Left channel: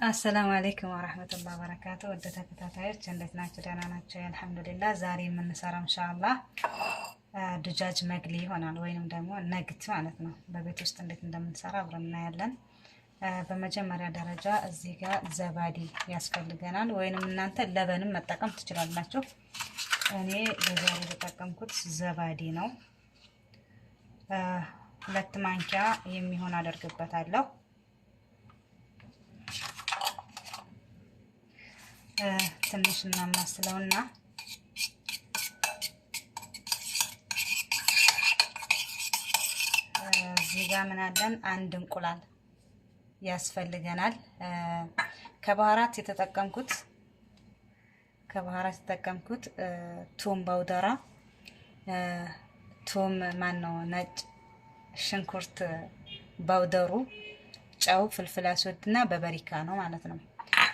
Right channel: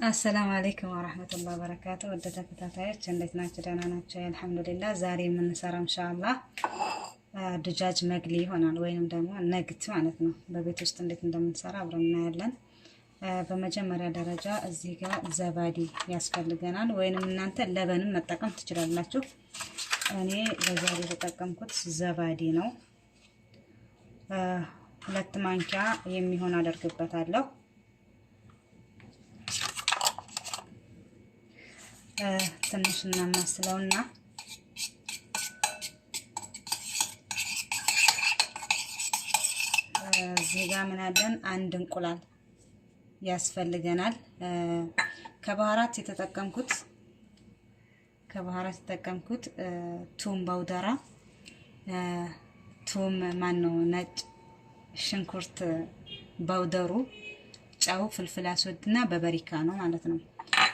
አሰላሙ አለይኩም ወራህመቱላሂ ወበረካቱ። ወደ ተከታታዮች እንዴት ናችሁ? ደህና ናቸው አልሐምዱሊላህ። ዛሬ የምንሰራው ኢንሻአላህ ድጃጅ መግሊ ይሆናል ወይንም ደግሞ ነግት ማለት ነው። በቤት ውስጥ እንዴት እንደምንሰራ አብረን እናያለን። በመጀመሪያ ደረጃ እዚህ ጋር ዘባዲ ያስፈልገናል፣ ወይንም እናንተ ለበንም መጠቀም ትችላላችሁ። እኔ በዛሬ የተጠቀምኩት ዘባዲ ነው። 2 ማንኪያ የሚሆን አደርግበታለሁ። ትንሽ እናማስለውና እዚህ ጋር ምን አለን? 1 እንቁላል ያስፈልገናል። ከባህራት የተጠቀምኩት ቱም ባውደራ፣ ቱም ማነው ነጭ ሽንኩርት ባውደሩ፣ ጨው፣ ፍልፍል አስወድና በበሪካ ነው ማለት ነው።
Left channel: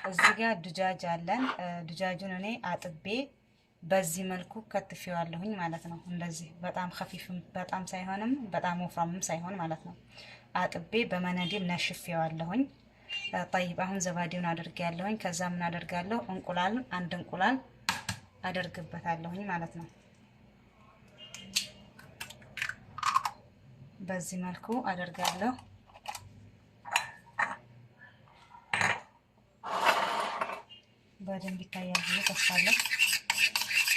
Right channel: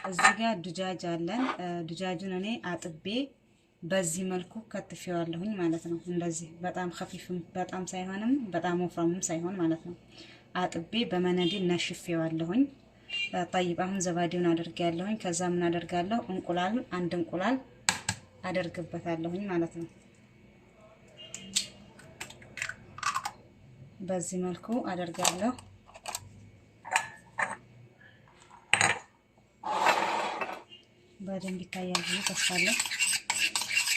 እዚህ ጋር ድጃጅ አለን። ድጃጁን እኔ አጥቤ በዚህ መልኩ ከትፌዋለሁኝ ማለት ነው። እንደዚህ በጣም ኸፊፍም በጣም ሳይሆንም በጣም ወፍራምም ሳይሆን ማለት ነው። አጥቤ በመነዲል ነሽፌዋለሁኝ። ጠይብ አሁን ዘባዲውን አድርጌያለሁኝ። ከዛ ምን አደርጋለሁ? እንቁላል 1 እንቁላል አደርግበታለሁኝ ማለት ነው። በዚህ መልኩ አደርጋለሁ። በደንብ ይታያል ብዬ ተስፋ አለኝ።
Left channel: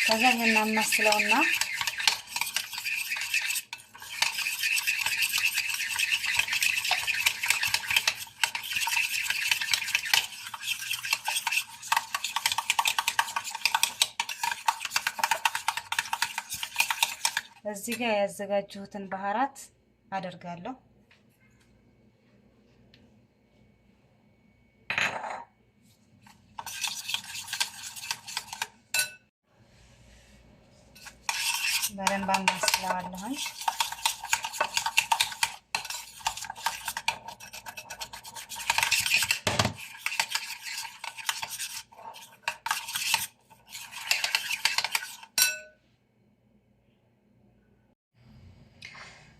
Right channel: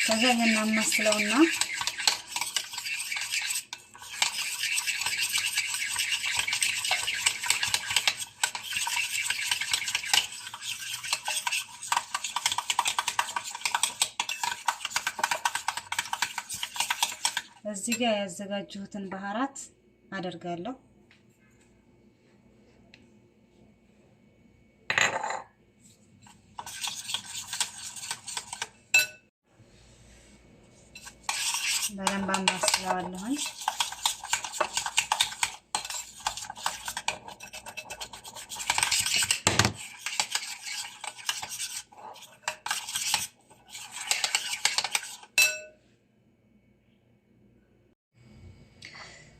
ከዛ ይሄን እናማስለውና እዚህ ጋር ያዘጋጀሁትን ባህራት አደርጋለሁ። በደንብ አማስለዋለሁኝ።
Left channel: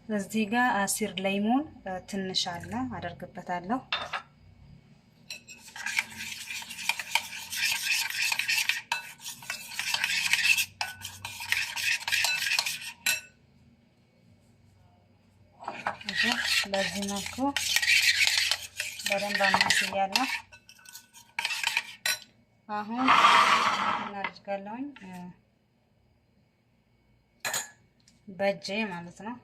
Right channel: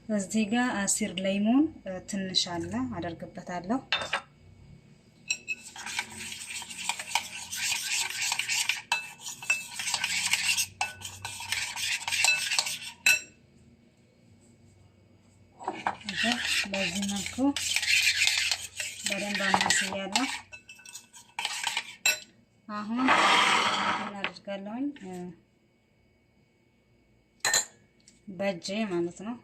እዚህ ጋር አሲር ለይሞን ትንሽ አለ አደርግበታለሁ። በዚህ መልኩ በደንብ አማስያለሁ። አሁን እናደርጋለሁኝ በእጄ ማለት ነው።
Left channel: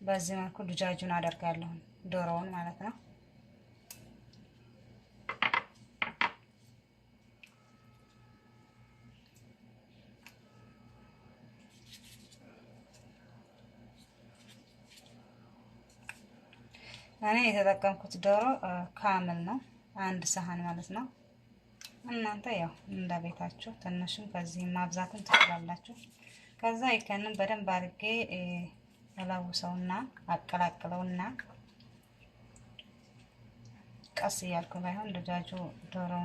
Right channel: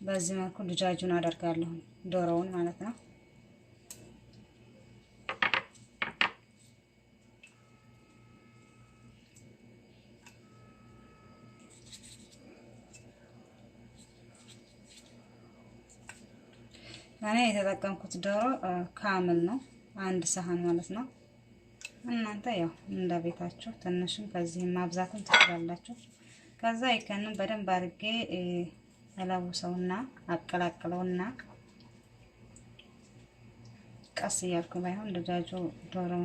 በዚህ መልኩ ድጃጁን አደርጋለሁ፣ ዶሮውን ማለት ነው። እኔ የተጠቀምኩት ዶሮ ካምል ነው፣ 1 ሰሃን ማለት ነው። እናንተ ያው እንደ ቤታችሁ ትንሽም ከዚህም ማብዛትም ትችላላችሁ። ከዛ ይከንን በደንብ አድርጌ እለውሰውና አቀላቅለውና ቀስ እያልኩ ባይሆን ድጃጁ ዶሮው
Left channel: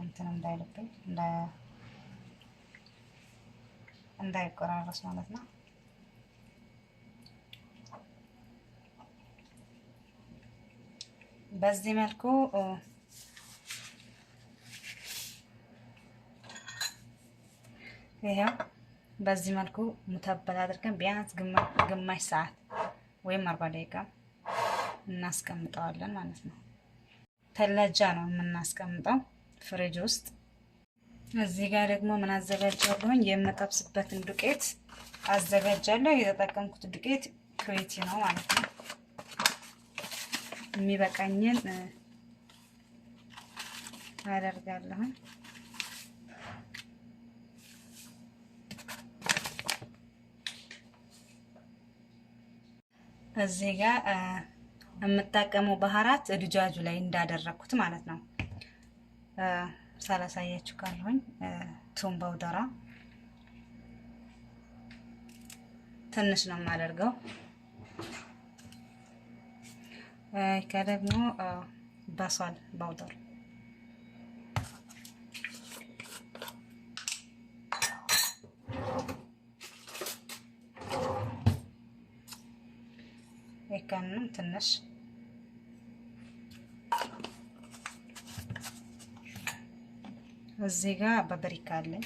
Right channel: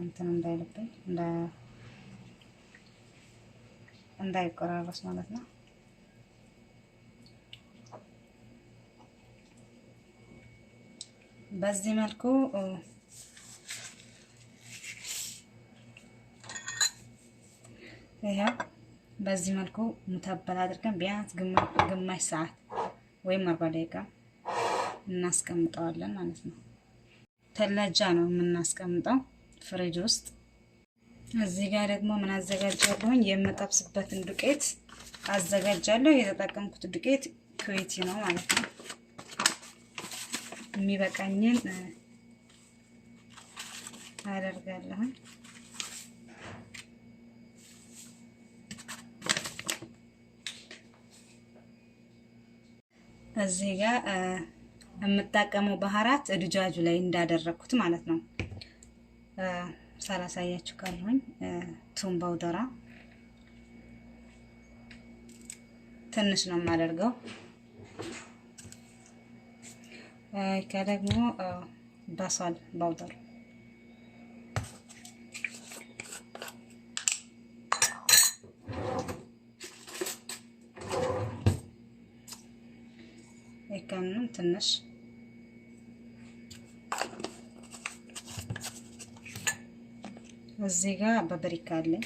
እንትን እንዳይልብኝ እንዳይቆራረስ ማለት ነው። በዚህ መልኩ ይሄው በዚህ መልኩ ሙተበል አድርገን ቢያንስ ግማሽ ሰዓት ወይም 40 ደቂቃ እናስቀምጠዋለን ማለት ነው። ተላጃ ነው የምናስቀምጠው ፍሪጅ ውስጥ። እዚህ ጋር ደግሞ ምን አዘጋጃለሁኝ? የምጠብስበትን ዱቄት አዘጋጃለሁ። የተጠቀምኩት ዱቄት ኩዌቲ ነው ማለት ነው። የሚበቃኝን አደርጋለሁ። እዚህ ጋር የምጠቀመው ባህራት ድጃጁ ላይ እንዳደረኩት ማለት ነው። ሳላሳያችሁ ካለሁኝ ቱም ባውደራ ትንሽ ነው የማደርገው። ከደግሞ በሳል ባውደር ይከንን ትንሽ እዚህ ጋር በበሪካ አለኝ።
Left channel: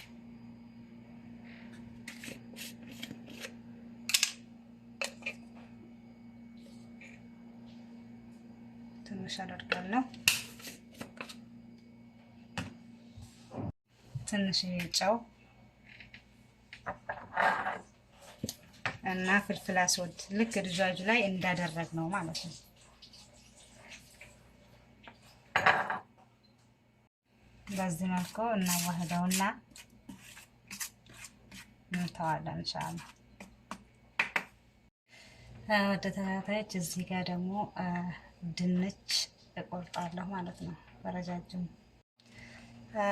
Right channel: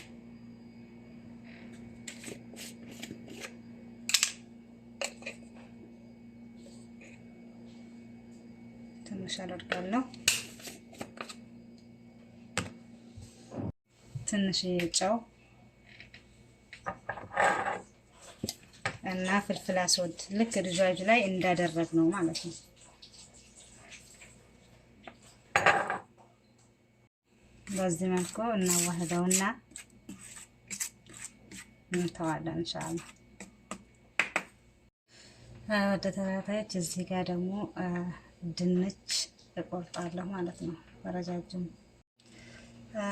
ትንሽ አደርጋለሁ። ትንሽ ጨው እና ፍልፍል አስወድ ልክ ድጃጁ ላይ እንዳደረግ ነው ማለት ነው። በዚህ መልኩ እናዋህደውና እንተዋለን ኢንሻአላህ። ወደ ተከታታዮች እዚህ ጋር ደግሞ ድንች እቆርጣለሁ ማለት ነው በረጃጅሙ።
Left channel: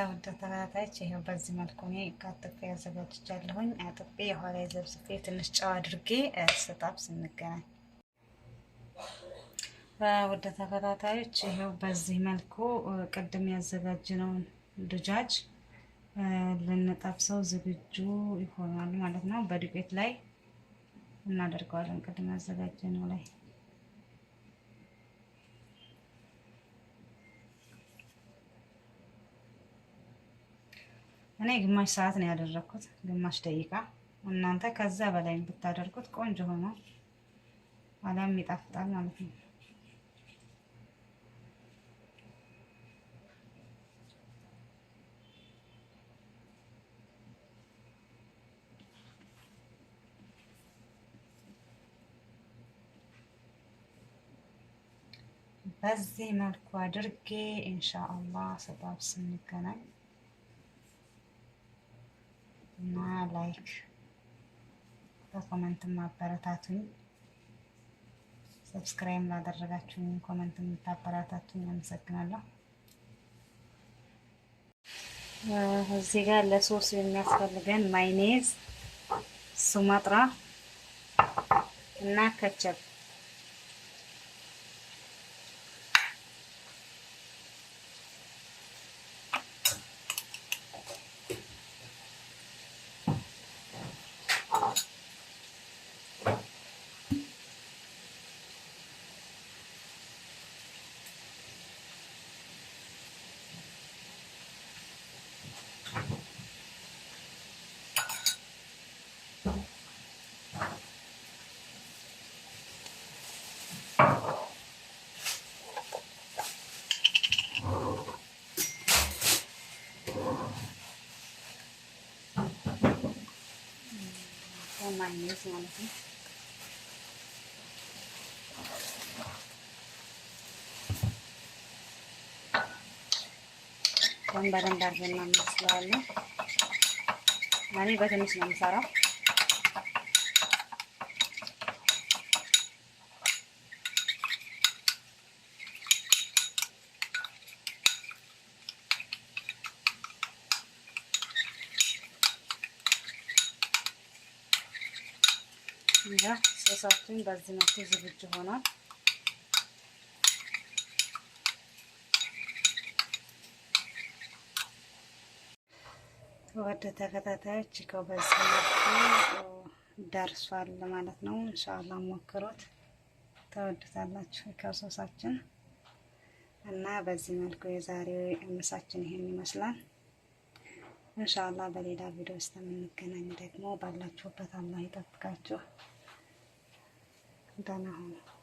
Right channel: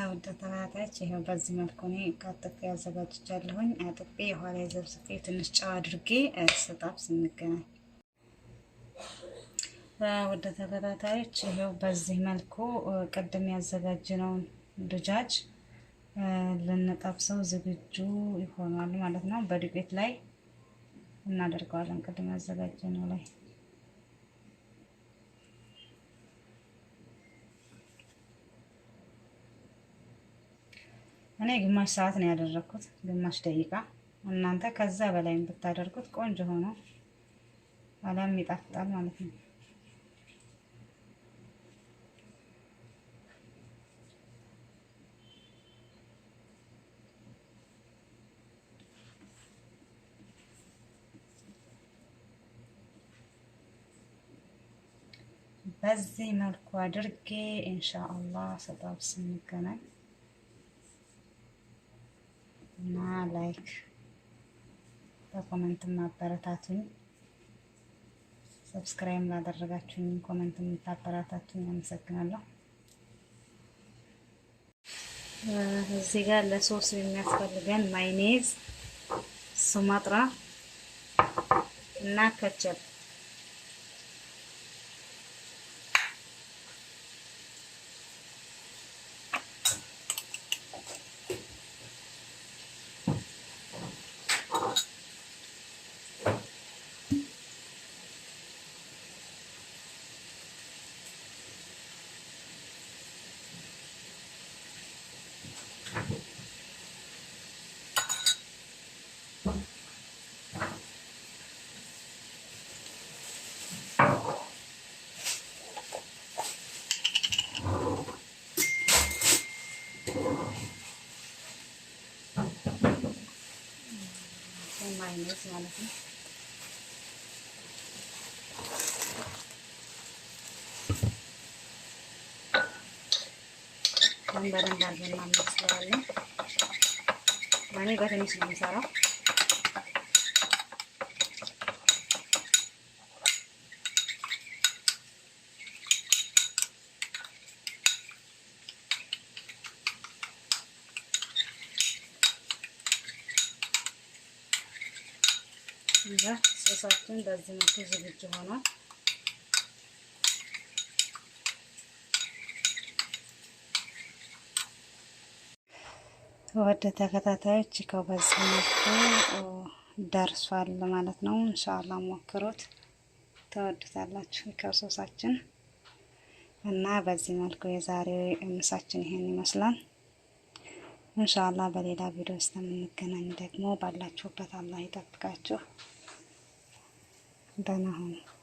ወደ ተከታታዮች ይሄው በዚህ መልኩ እኔ ካጥፌ አዘጋጅቻለሁኝ። አጥፌ የኋላ ዘብስፌ ትንሽ ጨው አድርጌ ስጣብስ እንገናኝ። ወደ ተከታታዮች ይሄው በዚህ መልኩ ቅድም ያዘጋጀነውን ድጃጅ ልንጠብሰው ዝግጁ ይሆናል ማለት ነው። በዱቄት ላይ እናደርገዋለን ቅድም ያዘጋጀነው ላይ። እኔ ግማሽ ሰዓት ነው ያደረኩት፣ ግማሽ ደቂቃ። እናንተ ከዛ በላይ ብታደርጉት ቆንጆ ሆኖ አለም ይጣፍጣል ማለት ነው። በዚህ መልኩ አድርጌ ኢንሻአላህ ስጠብስ እንገናኝ እና ላይክ በኮሜንት ማበረታቱኝ። ሰብስክራይብ ላደረጋችሁኝ ኮሜንት የምታበረታቱኝ አመሰግናለሁ። እዚህ ጋር ለሶስ የሚያስፈልገን ማይኔዝ፣ ሱማጥራ እና ከቸፕ ማይነዝ ማለት ነው። በደንብ አድርገን እናመስለዋለን። እኔ በትንሽ ነው የምሰራው። ሶሳችን በዚህ መልኩ ዝግጁ ሆኗል። ወደ ተከታታዮች በዚህ መልኩ ደርሷል ማለት ነው። ኢንሻአላህ ሞክሩት፣ ተወዱታላችሁ ከሶሳችን እና በዚህ መልኩ የዛሬው ምሳችን ይሄን ይመስላል። ኢንሻአላህ በሌላ ቪዲዮ እስከምንገናኝ ደግሞ ባላችሁበት አላህ ይጠብቃችሁ። ደህና ሁኑ።